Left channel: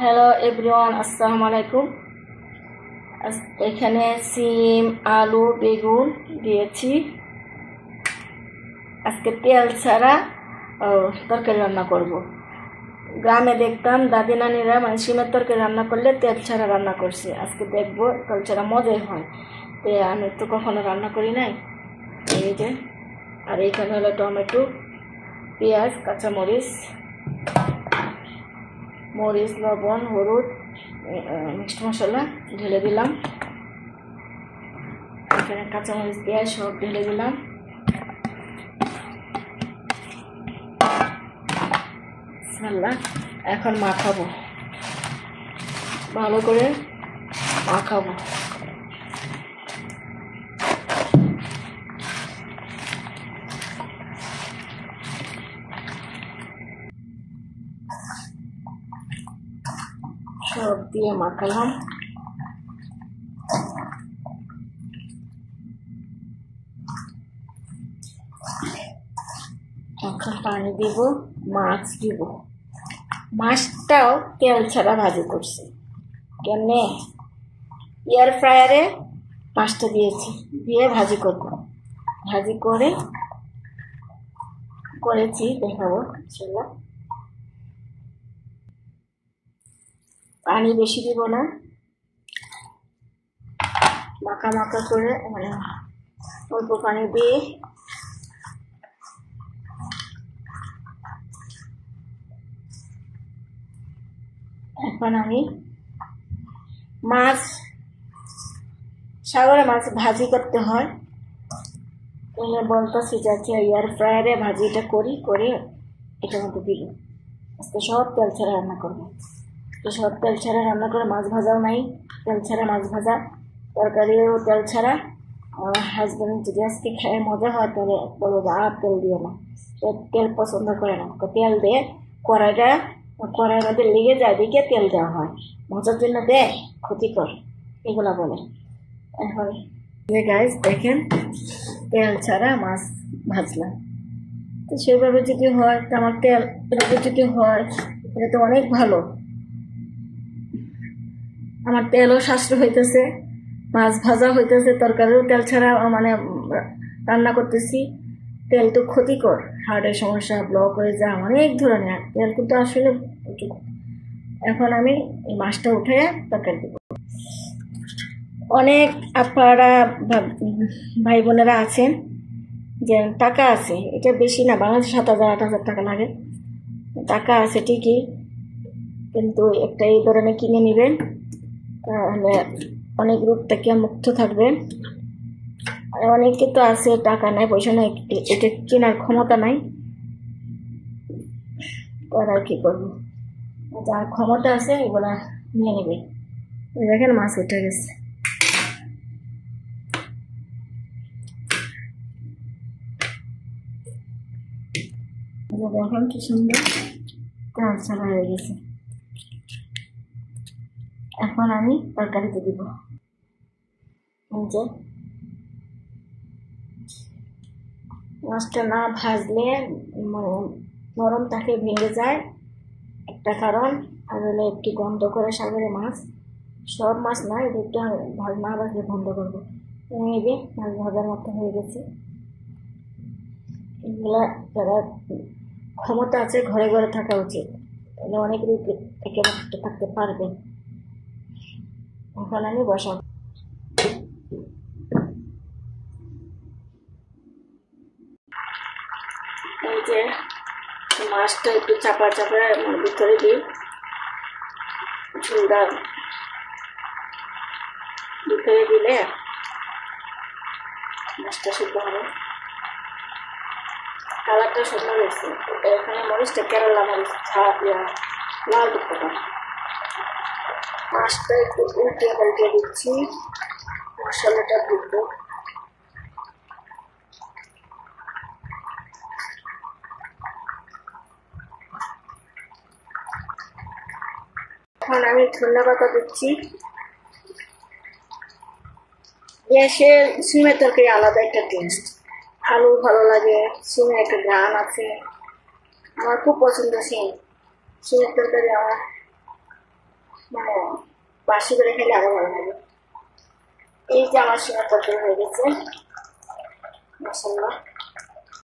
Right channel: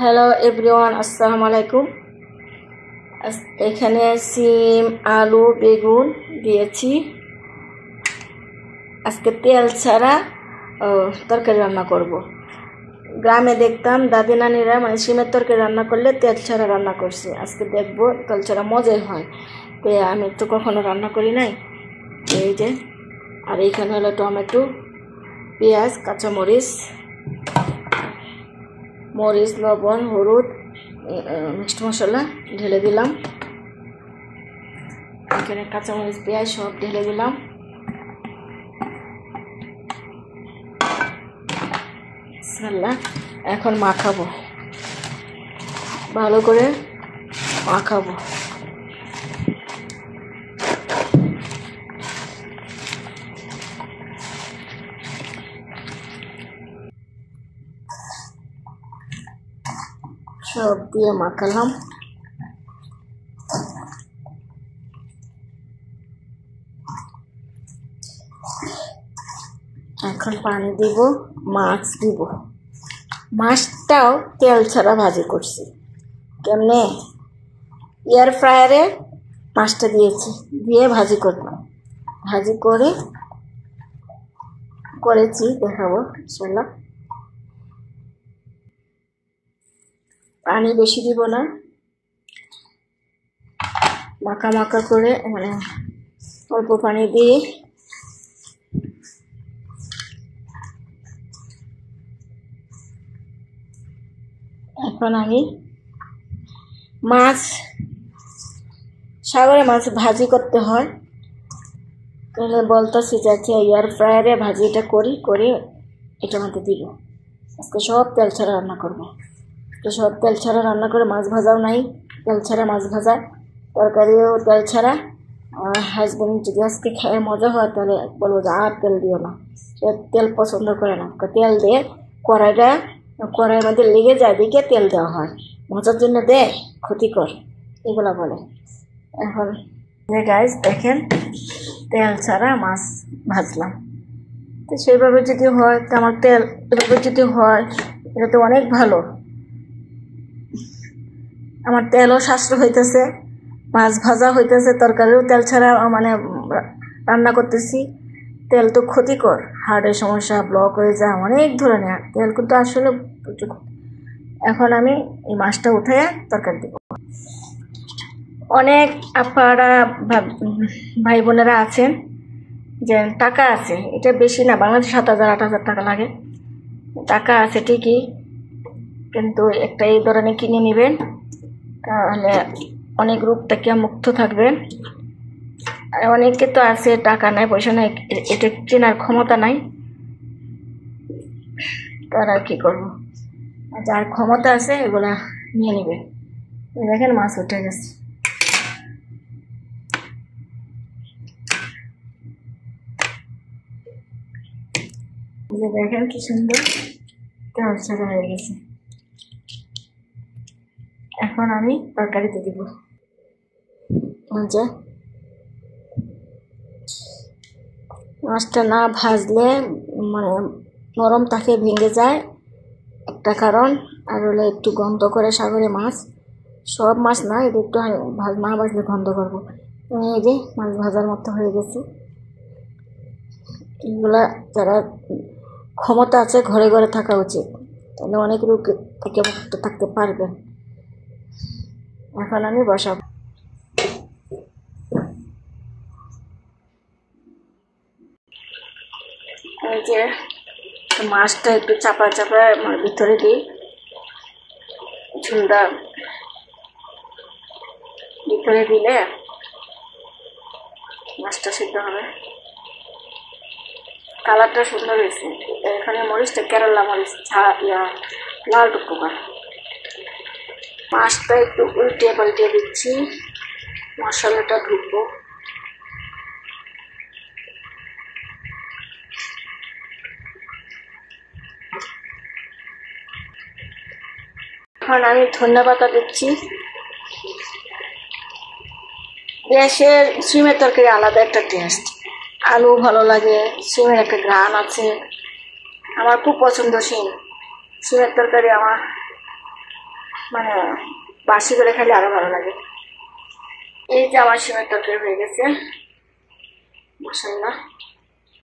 Hello everyone, আসসালামু আলাইকুম। এখানে সিম, আলু, বেগুন দিয়েছি। আজকে তেল ছাড়া তরকারি রান্না করব। গ্রামে দেখতাম দাদি নানিরা মানে সিমের তরকারি রান্না করলে তেল ছাড়া রান্না করছে। আজকে দেখবো তেল ছাড়া মজাই হয়। তো আমি তো কখনো রান্না করি নাই। এই যে, আর এইখানে হলো টমেটো, পেঁয়াজ, কাঁচামরিচ, মরিচ, লবণ, হলুদ, মিক্সড মশলা ঢেলে দিলাম। এখানে কাঁচামরিচ, পেঁয়াজ সব ঢেলে দিলাম। এখন মাখাবো, ভালো করে মাখাবো। সব দিয়ে মাখালাম। এখন পানি দিব, মাছ দিব। মাছটাও তেল ছাড়া ভাজি করছি। কেমনে? এয়ার ফ্রায়ারে মাছটা দিয়েছি, দিয়ে ভাজি করব। ভাজি করেছি, দেখাবো ইনশাল্লাহ। পানি বেশি দিব না, মাখা মাখা করে, মানে অল্প পানি দিয়ে এখন আমি সাগরে মাছ ভাজি করতে হয়। তাহলে বলতেছি যে এয়ার ফ্রায়ারে ভাজিটা করে এটার মধ্যে দিব। আজকে সব তেল ছাড়া রান্না করবো। তো সব তেল ছাড়া রান্না করে, মাছ ভাজাও নাই, তেল ছাড়া মাছ ভাজা, তরকারিও তেল ছাড়া। আমার হাজব্যান্ড যদি আজকে খেয়ে মজা হয় তাহলে বলবো যে আর তেল দিও না, সে তেল পছন্দ করে না। তেল দিয়ে কড়াইয়ের মধ্যে লেগে যায়, দিকে তেল দেওয়া হয়, মজার জন্য দেয়, ক্ষতিকর, এগুলা বলে। এখন গাইস দেখেন, তেল ছাড়া মাছ ভাজলাম। তো সেইভাবে যদি হয়, তো আমার তেল এভাবে যদি হয়, এটা তো অনেক ভালো। আমার তেলও সাশ্রয় হইতেছে, মাছ ভাজা হইতেছে, তরকারিও তেল ছাড়া মানে রান্না করতেছি। তেল তো ক্ষতিকর, হার্টের সমস্যা, ব্লক হয়ে যায়, অনেক ধরনের তেল কিন্তু আসলে প্রচুর। এখন আমি এই মাছটা উঠে তরকারি দেব। অনেক আপারা ভাই বোনেরা আছেন যে টাকা আছে, এটা বেশি না, বাংলাদেশে 7,000 8,000 টাকা লাগে। টাকা আছে ঠিকই, কিন্তু একটা এই ধরনের কিনে নেবেন, তাহলে অনেক রোগ থেকে মুক্ত থাকবেন। আর অনেকে তো আছে টাকা নাই, পয়সা নাই, এটা কেনার ক্ষমতা নাই, তারা কি করবো? যার ক্ষমতা আছে এগুলা নিয়ে নেবেন। দেখেন মাছ উঠে গেছে। দেখেন কি সুন্দর তেল ছাড়া হয়ে গেছে। এখন আমি তরকারিতে দিব। মাছটা না ভাজলে মানে নরম থাকে, ভেঙে যায়, একটা কারণ। আর হলে একটু গন্ধ করে সাগরে মাছ, সব মাছ না, এটা একটু না ভাজলে গন্ধ করবো। এই যে মাছ ভাজার মতো হয়ে গেছে। এগুলা যারা ক্ষমতা আছে ঘরে ঘরে থাকা উচিত, তাহলে অনেক রোগ থেকে মুক্ত থাকতে পারবেন। এখন আমি বসাবো। এই যে মাছটা একটু চাপা ভিতরে দিই, ঝুলটা ভিতরে দিলে মাছটা সিদ্ধ হবে। কালারটা সুন্দর হয়েছে। এখানে মরিচটা কেরালা মরিচ, লাল টুকরা। মাছটা একটু উল্টে পাল্টে দিচ্ছি, মশলাটা ধুবো। এখন আমি ধনিয়া পাতা দিচ্ছি। দেশের সিমের তরকারি আলাদা একটা টেস্ট, আলু ভালো লাগে, সিমের একটা ঘ্রাণ আছে। আমার খুব পছন্দ সিমের তরকারি। আমার মানে বাসি করে খেলে আরো ভালো লাগে। এই যে আমার সিমের তরকারি হয়ে গেছে, মাশাআল্লাহ।